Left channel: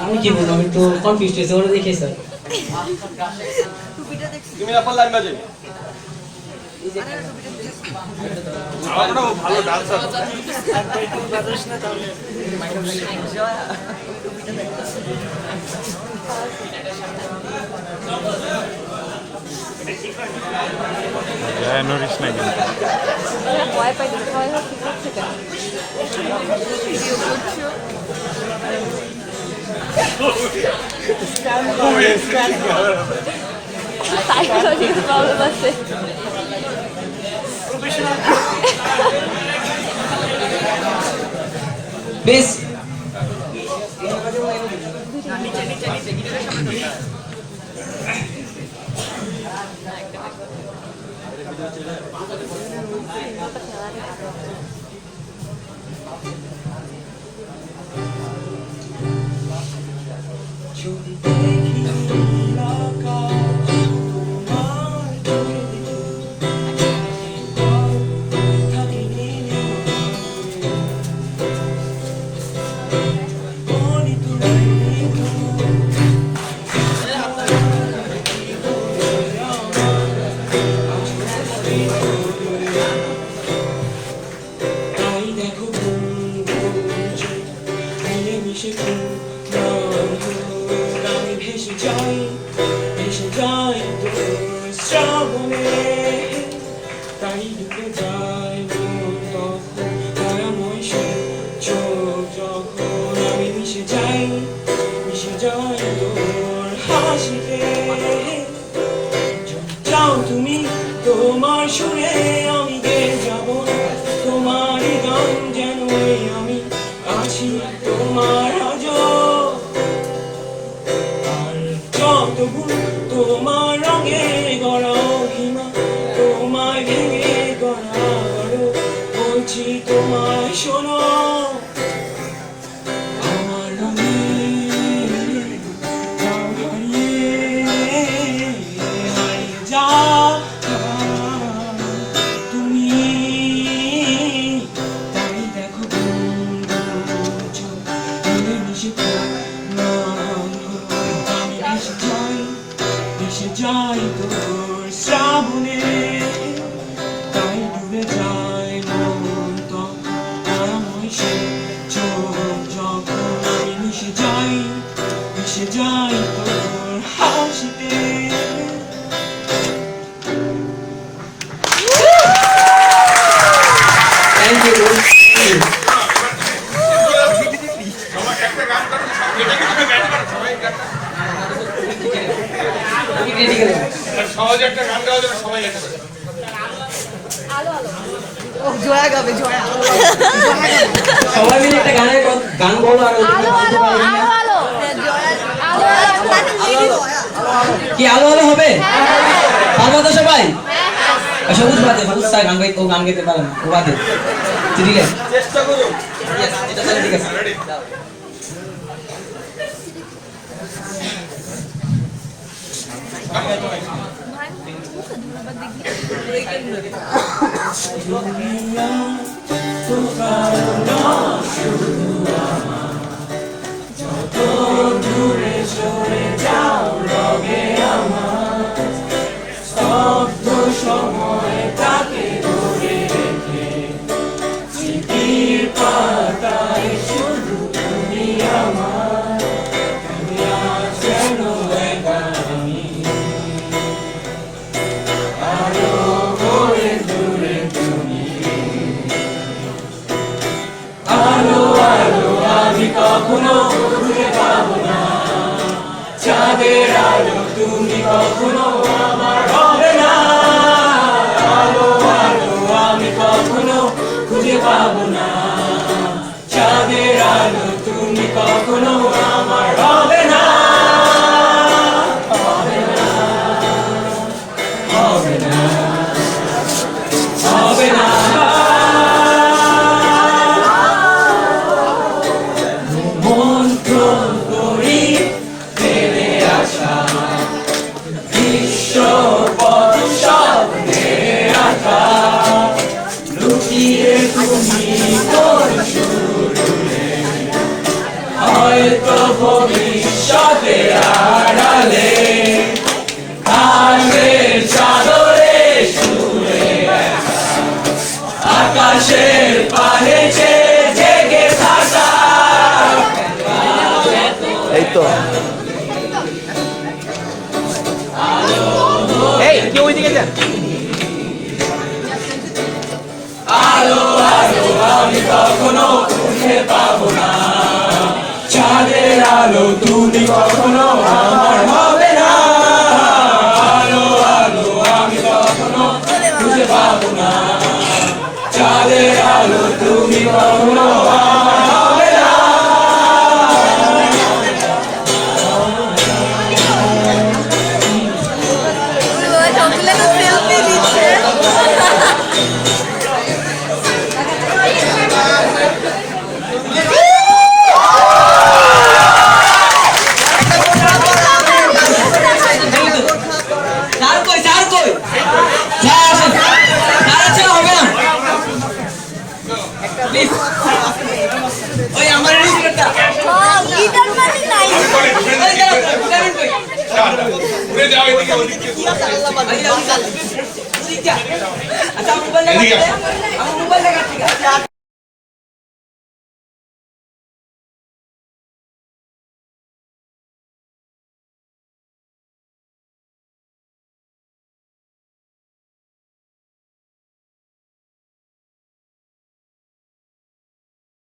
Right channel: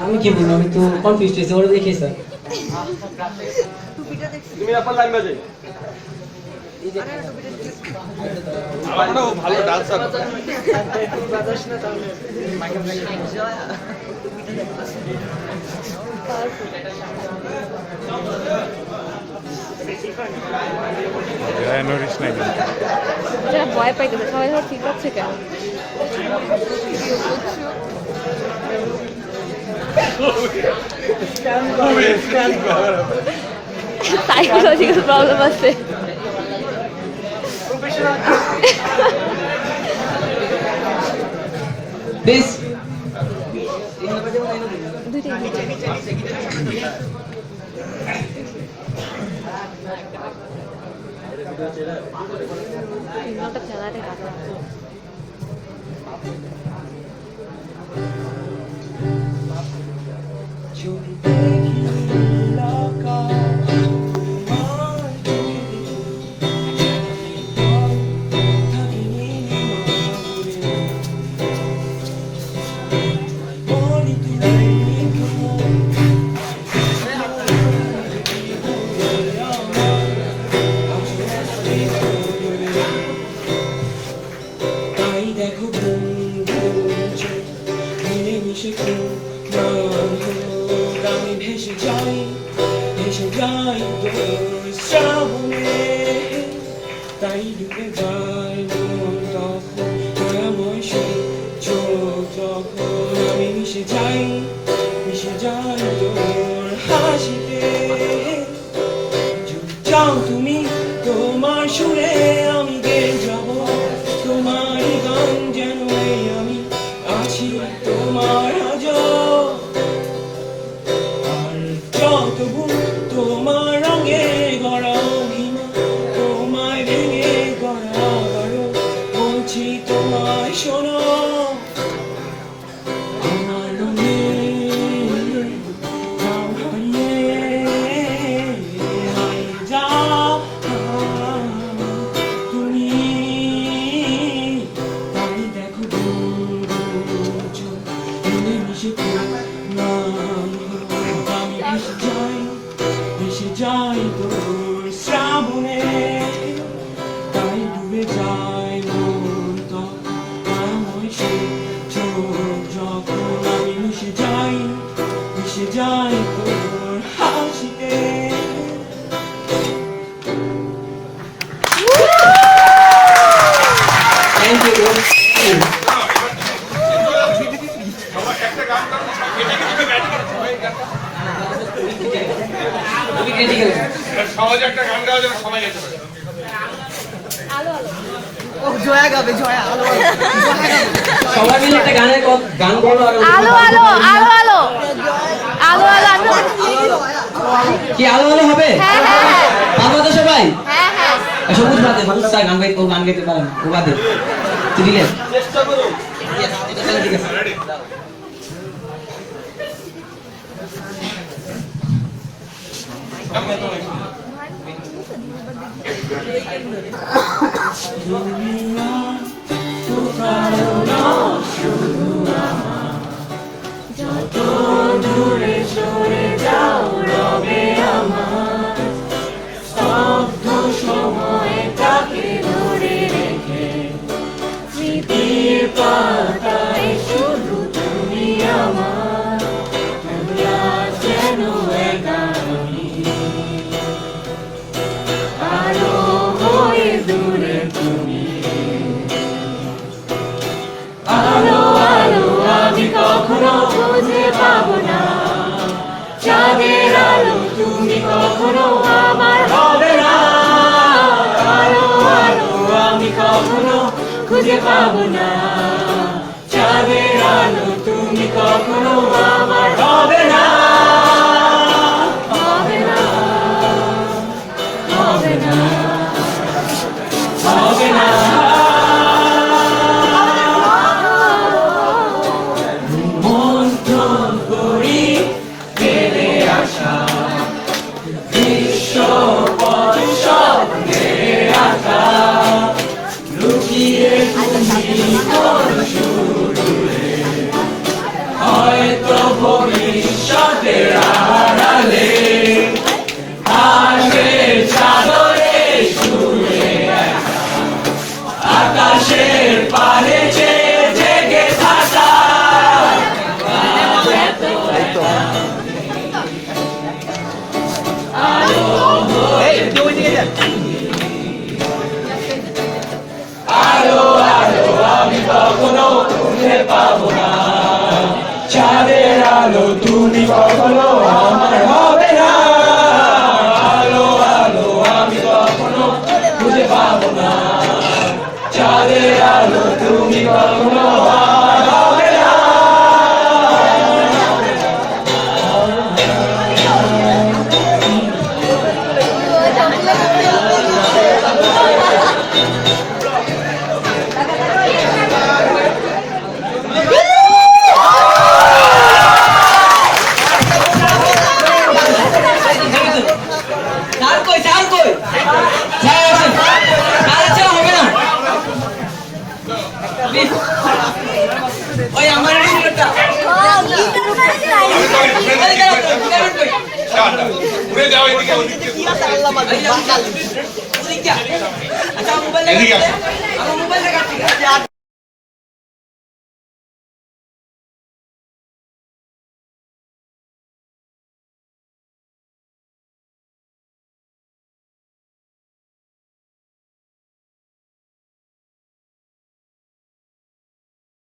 আমি কি বলবো, আমি তো কনফিউজড হয়েছি ওরা দেখে স্যার। তুমি আপনার লাইন বাজে আমারও ভালো ডান্সার জয় নরিস না কিন্তু ভয় পাই দিল সবাই ঠিক আছে কেন সাইকোলজিক্যাল প্রবলেম আছে বেশ তাই ঢুকে যায় মন তখন দয়াময় চোখ যখন আমি মিশে যাই তোর হাসিতে যাও তুমি তোমার সুরে আমি গেয়ে যাব তোমার গান যেন আমি আছি তোমার আজ আর যত ভুল তোমার রঙে গড়া অভিমান তোমায় ভেঙে গড়া গড়ো বলছি তোমায় শোনো আমার যাও হারিয়ে যাও তুমি তাই দেখো মিশে আমি ভেসে যাই তোর শ্রাবণে তাই ডুবে যায় মন তখন চোখ যখন আমি মিশে যাই তোর হাসিতে থ্যাংক ইউ। সহজে একটা গান গাওয়ার জন্য সময় যেতে পারে সবাই মিলে একটা গান বলো আর কি আলো আলো হবে ভালো তো সবাই সবুজ বাদে সবুজ স্যার গান গাইতে গান গাইতে পারেন ও বাদে ঠিক আছে চেষ্টা করো ঠিক আছে যত দূরে চলে যাও রবে আমার স্তব্ধ সময়টাকে ধরে রেখে স্মৃতির পাতায় শুধু তুমি আমার যেন একাই আরো হয়ে দূরে তুমি ভবিষ্যতের আড়ালে আকাশের চাদরে শুয়ে একা, আকাশের পানে চেয়ে জেগে থাকা। আলো আলো আমি কখনো খুঁজে পাবো না, চাঁদের আলো তুমি কখনো আমার হবে না। আলো আলো আমি কখনো খুঁজে পাবো না, চাঁদের আলো তুমি কখনো আমার হবে না। স্যার কই স্যার কই স্যার আসেন স্যার আছে না হবে না প্লিজ ওই আমার রিসিভারটা আমি বলি ঘুরে ওই দেখি, কেমন কই ঘুরে যাও এদিকে ওদিকে আচ্ছা মোবাইল এদিকে লাগা আমার মোবাইল লাগা ঠিক আছে